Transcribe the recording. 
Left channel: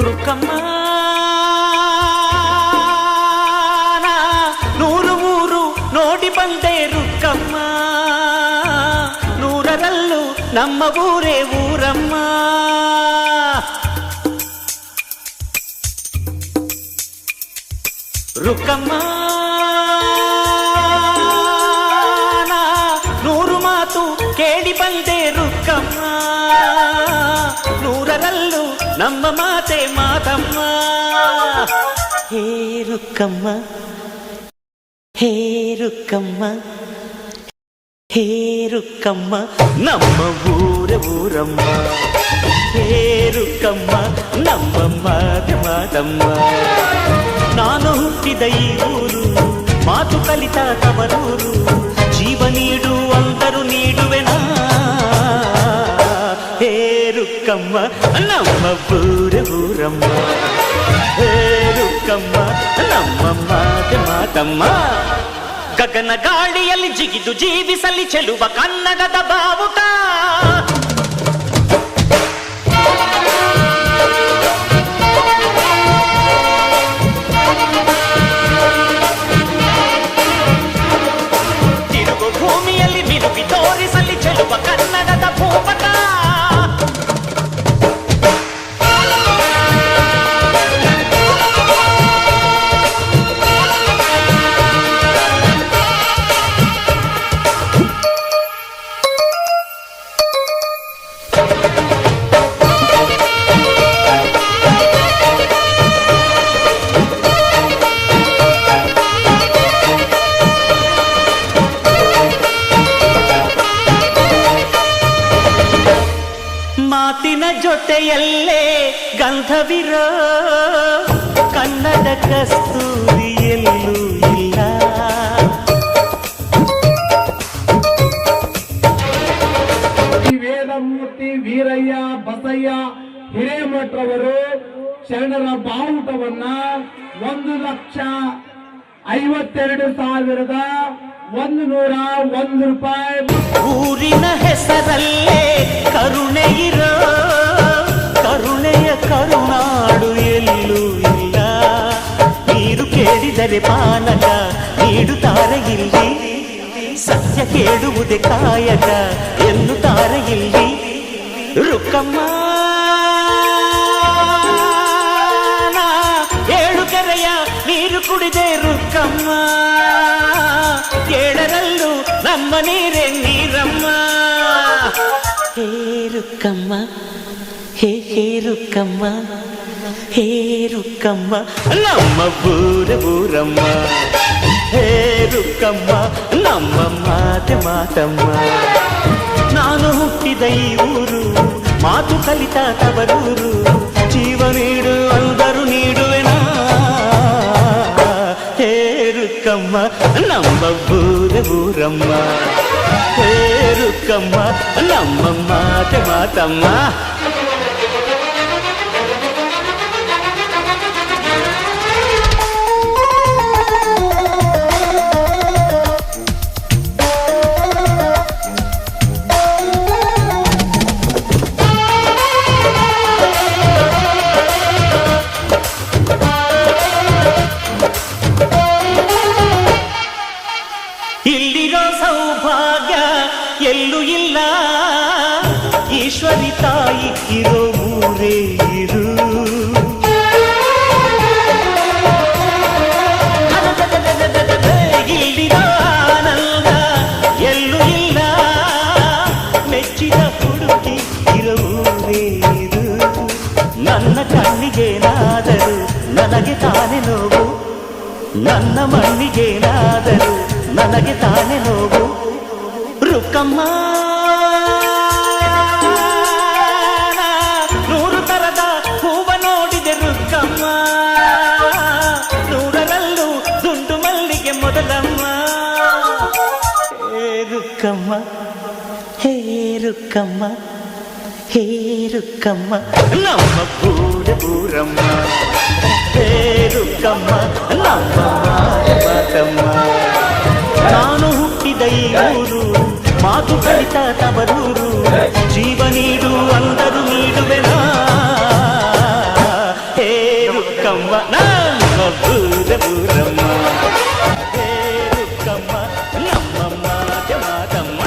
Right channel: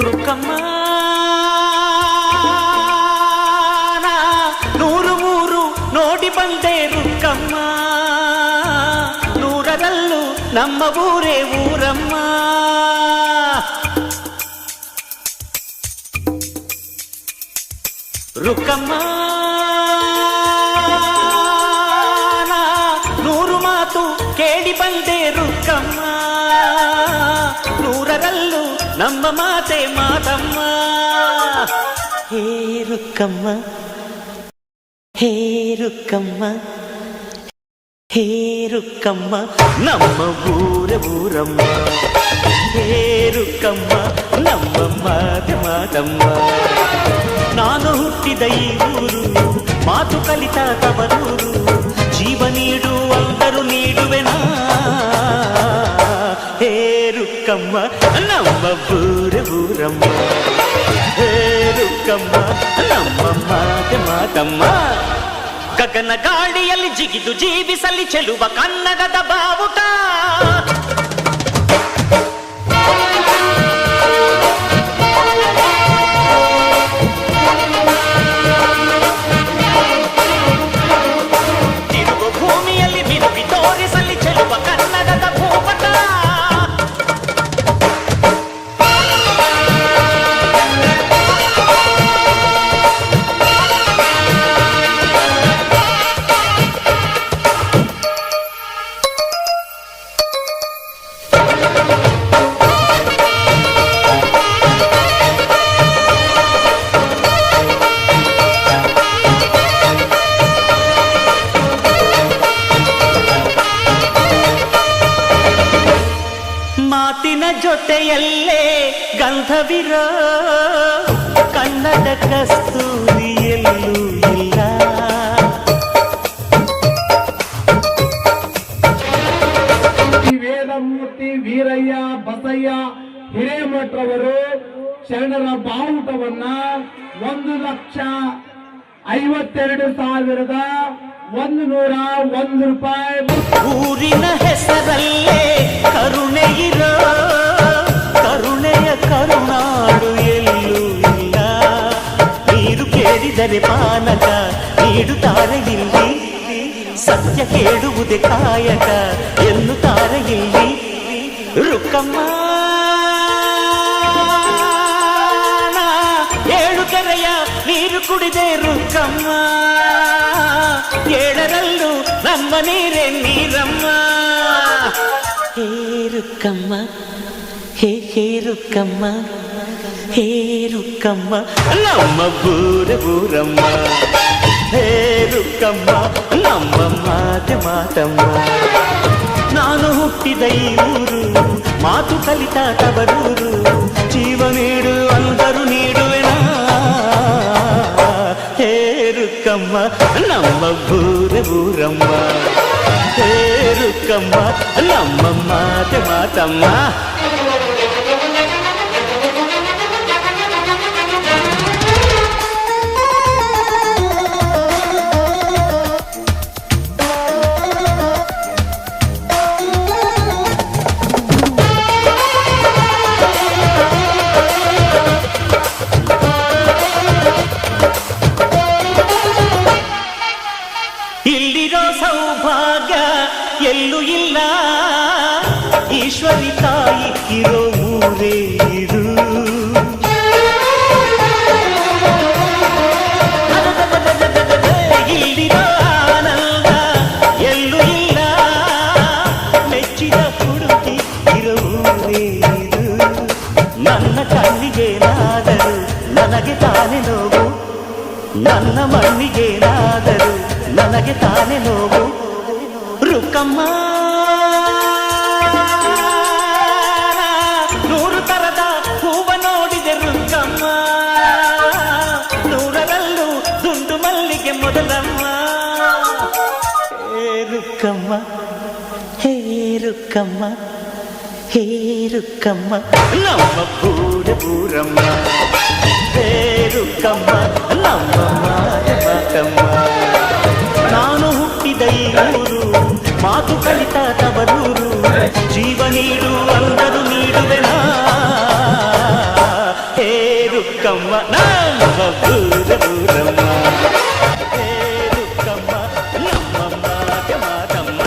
ರುಕ್ಕಮ್ಮ ನೂರು ಊರು ನೋಡಿ ಬಂದೆ ರುಕ್ಕಮ್ಮ, ನೂರರಲ್ಲೂ ನಮ್ಮ ಊರೇ ಊರಮ್ಮ. ರುಕ್ಕಮ್ಮ ನೂರು ಮಾತು ಕೇಳಿ ಬಂದೆ ರುಕ್ಕಮ್ಮ, ನೂರರಲ್ಲೂ ನಮ್ಮ ಮಾತೆ ಮಾತಮ್ಮ. ಹೇ ರುಕ್ಕಮ್ಮ, ಹೇ ರುಕ್ಕಮ್ಮ, ಹೇ ರುಕ್ಕಮ್ಮ, ನಮ್ಮ ಊರ ಊರಮ್ಮ. ಹೇ ರುಕ್ಕಮ್ಮ, ನಮ್ಮ ಮಾತೆ ಮಾತಮ್ಮ. ನಾನು ಹುಟ್ಟಿದ ಈ ಊರು, ಮಾತು ಕಲಿತ ತವರೂರು, ಜೀವ ನೀಡು ಅಂದರು ನೀಡುವೆನಾ. ಹೇ ರುಕ್ಕಮ್ಮ, ನಮ್ಮ ಊರ ಊರಮ್ಮ. ಹೇ ರುಕ್ಕಮ್ಮ, ನಮ್ಮ ಮಾತೆ ಮಾತಮ್ಮ. ಗಗನ ಗಾಳಿಯಲ್ಲಿ ಜಿಗಿದು ಜೀವಿಸಲಿ ಚೆಲುವ ಕನ್ನಡದ ಬಾವುಟ. ತಿರುಗು ಭೂಮಿಯಲ್ಲಿ ಮಿನುಗಿ ತೋರಿಸಲಿ ಚೆಲುವ ಕನ್ನಡದ ಭೂಪಟ. ಮಾತಿನ ಜೊತೆಯಲ್ಲೇ ಗಂಧವಿರೋ ಕನ್ನಡ ಕಸ್ತೂರಿ ಎಲ್ಲೂ ಇಲ್ಲ. ವೇದಮೂರ್ತಿ ವೀರಯ್ಯ ಬಸಯ್ಯ ಹಿರೇಮಠರವರು ಶರಣರ ಬಾವುಟವನ್ನ 1,52,101 ರೂಪಾಯಿ. ಊರಿನ ಹೆಸರಲ್ಲೇ ಕರುಣೆ ಇರೋ ಕರುಣೆಯ ಕರುನಾಡು ಎಲ್ಲೂ ಇಲ್ಲ. ನೀರು ಕೇಳಿದರೆ ಪಾನಕ ನೀಡುತ್ತಾರೆ ಇಲ್ಲಿ, ಸತ್ಯ ಕೇಳುವುದೇ ಕಾಯಕ ಎನ್ನುತ್ತಾರೆ ಇಲ್ಲಿ. ರುಕ್ಕಮ್ಮ ಏಳು ಕೆರೆಯ ನೀರು ಕುಡಿದೆ ರುಕ್ಕಮ್ಮ, ಏಳರಲ್ಲೂ ನಮ್ಮ ನೀರೇ ನೀರಮ್ಮ. ಹೇ ರುಕ್ಕಮ್ಮ, ಹೇ ಹೇ ರುಕ್ಕಮ್ಮ, ಹೇ ರುಕ್ಕಮ್ಮ, ನಮ್ಮ ಊರ ಊರಮ್ಮ. ಹೇ ರುಕ್ಕಮ್ಮ, ನಮ್ಮ ಮಾತೆ ಮಾತಮ್ಮ. ನಾನು ಹುಟ್ಟಿದ ಈ ಊರು, ಮಾತು ಕಲಿತ ತವರೂರು, ಜೀವ ನೀಡು ಅಂದರು ನೀಡುವೆನಾ. ಹೇ ರುಕ್ಕಮ್ಮ, ನಮ್ಮ ಊರ ಊರಮ್ಮ. ಹೇ ರುಕ್ಕಮ್ಮ, ನಮ್ಮ ಮಾತೆ ಮಾತಮ್ಮ. ಇಲ್ಲಿರೋ ಸೌಭಾಗ್ಯ ಎಲ್ಲೂ ಇಲ್ಲ, ಈಶ್ವರಿ ತಾಯಿ ಇರೋ ಊರೇ ಇರು. ಇಲ್ಲಿರೋ ಆನಂದ ಎಲ್ಲೂ ಇಲ್ಲ, ಮೆಚ್ಚಿದ ಹುಡುಗಿ ಇರೋ ಊರೇ ಇದು. ನನ್ನ ಕಣ್ಣಿಗೇನಾದರೂ ನನಗೆ ತಾನೇ ನೋವು, ನನ್ನ ಮಣ್ಣಿಗೇನಾದರೂ ನನಗೆ ತಾನೇ ನೋವು. ರುಕ್ಕಮ್ಮ ನೂರು ತರದ ಹೂವ ನೋಡಿದೆ ರುಕ್ಕಮ್ಮ, ನೂರರಲ್ಲೂ ದುಂಡು ಮಲ್ಲಿಗೆ ಮೊದಲಮ್ಮ. ಹೇ ರುಕ್ಕಮ್ಮ, ಹೇ ರುಕ್ಕಮ್ಮ, ಹೇ ರುಕ್ಕಮ್ಮ, ನಮ್ಮ ಊರ ಊರಮ್ಮ. ಹೇ ರುಕ್ಕಮ್ಮ, ನಮ್ಮ ಮಾತೆ ಮಾತಮ್ಮ. ನಾನು ಹುಟ್ಟಿದ ಈ ಊರು, ಮಾತು ಕಲಿತ ತವರೂರು, ಜೀವ ನೀಡು ಅಂದರು ನೀಡುವೆನಾ. ನಮ್ಮ ಊರಮ್ಮ ಹೇ ರುಕ್ಕಮ್ಮ ನಮ್ಮ ಮಾತೆ ಮಾತಮ್ಮ